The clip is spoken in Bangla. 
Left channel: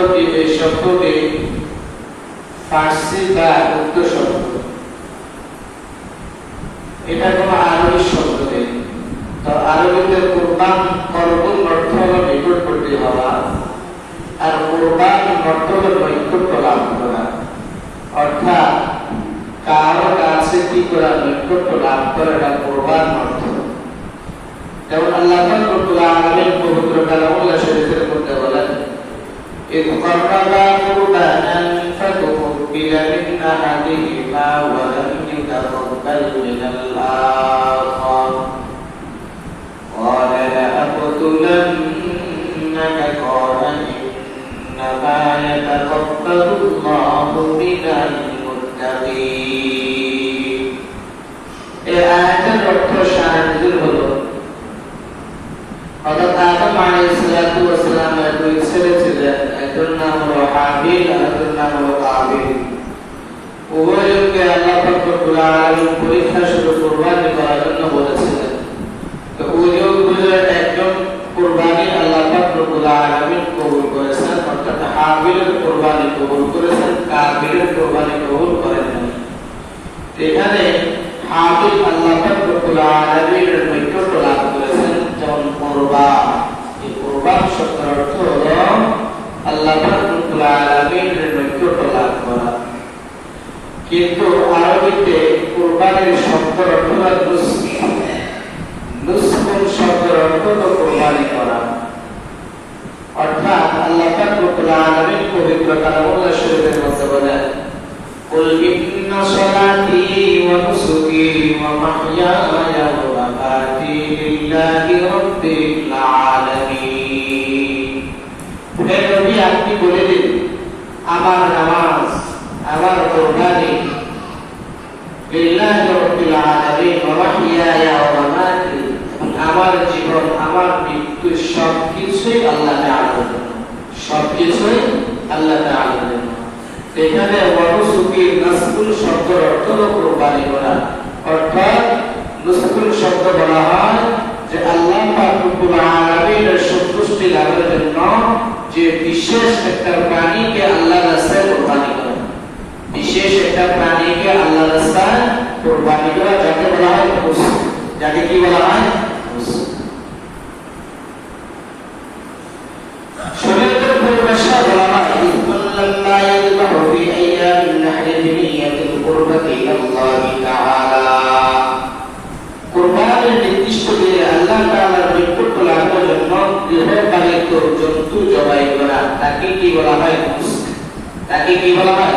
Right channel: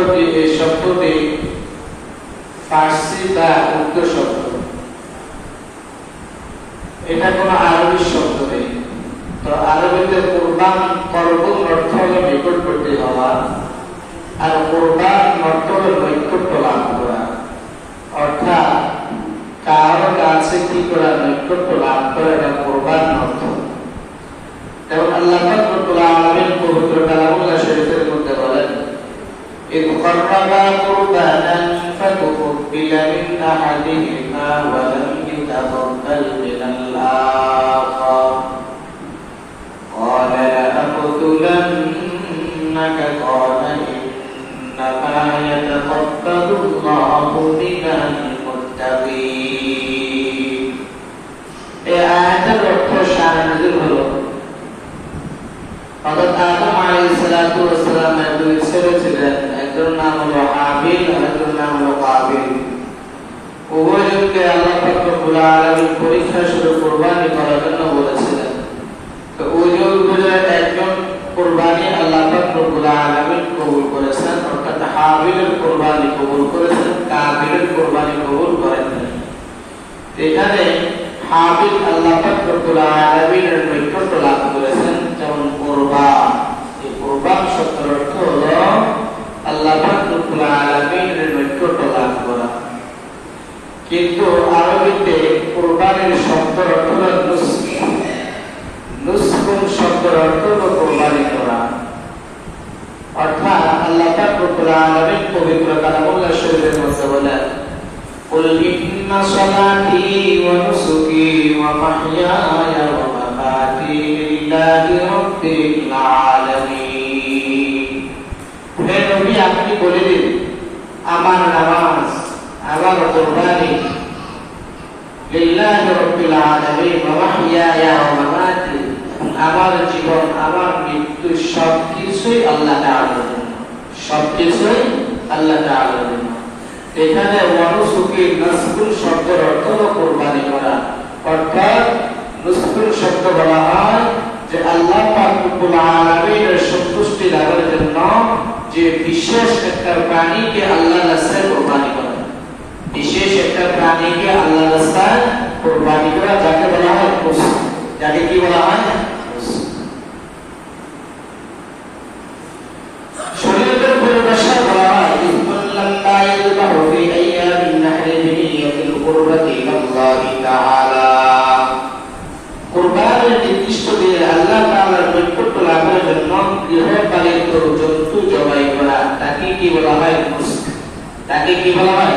শব্দটি ফার্সি বা উর্দু শব্দ, এটা কোনো আরবি শব্দ নেই। তো আরবিতে কুরবান কর্বন অর্থ হল নিকটবর্তী হওয়া, আর কুরবান অর্থ হল নৈকট্য লাভ করা, অর্থাৎ কারো কাছে কি করা, নৈকট্য লাভ করে না কুরবান অর্থ। যেমন আল্লাহ পাক রব্বুল আলামিন পবিত্র কালামুল্লাহ শরীফের মধ্যে বলেন, إذ قربا قربانا فتقبل من أحدهما ولم يتقبل من الآخر قال لأقتلنك قال إنما يتقبل الله من المتقين। এই আয়াতের অর্থ শাহাদাতুল হলো হযরত আদম আলাইহিস সালাতু ওয়াস সালামের দুই ছেলে ছিলেন, একজন নাম হলো হাবিল আর একজন নাম হলো কাবিল। উভয়কে আল্লাহ পাক রব্বুল আলামিন পরীক্ষা স্বরূপ কুরবানি করার জন্য বলেছিলেন। তো উভয়ের একজন কুরবানি আল্লাহ পাক রব্বুল আলামিন কবুল করেছেন, অর্থাৎ হাবিলের কুরবানি কবুল করেছেন, কাবিলের কুরবানি কবুল করেননি। এখানে হাবিল আল্লাহ পাক রব্বুল আলামিনের নৈকট্য লাভ করেছেন, যেমন কুরবান। এই কুরবান শব্দের অর্থ হলো আল্লাহ পাক রব্বুল আলামিনের নৈকট্য লাভ করা। কিন্তু আরবিতে কুরবানির শব্দের অর্থ হলো নুসক। নুসকুন শব্দের অর্থ হলো কুরবানি করা, অর্থাৎ আল্লাহ পাক রব্বুল আলামিন পবিত্র কালামুল্লাহ শরীফের মধ্যে বলেন, قل إن صلاتي ونسكي ومحياي ومماتي لله رب العالمين। হে নবী, আপনি বলে দিন, আমার নামাজ, আমার কুরবানি লিল্লাহি রাব্বিল আলামিন ওয়া মাহইয়ায়া ওয়া মামাতি, আমার জীবন, আমার মৃত্যু সবকিছুই আল্লাহ তাআলার জন্য, সবকিছুই আল্লাহ তাআলার জন্য। এখানে ওয়ানুসুকি নাসকুল শব্দের অর্থ হলো কুরবানি করা, অর্থাৎ নুসকুল শব্দ বলা হয় যে আল্লাহ পাক রব্বুল আলামিনের সন্তুষ্টি লাভের জন্য যে বিশেষ একটা প্রাণীকে আল্লাহর রাস্তায় কুরবানি করা, বিশেষ একটা প্রাণীকে আল্লাহর রাস্তায় কুরবানি করা, যাকে বলা হয় নুসক। যাকে কি বলা হয়? নুসক। শরীয়তের পরিভাষা বলা হয় কুরবানের নির্দিষ্ট দিনে আল্লাহ তাআলার নৈকট্য লাভের জন্য গৃহপালিত জন্তু জবাই করা, তাকে কি বলা হয়? নুসক। তাকে কি বলা হয়?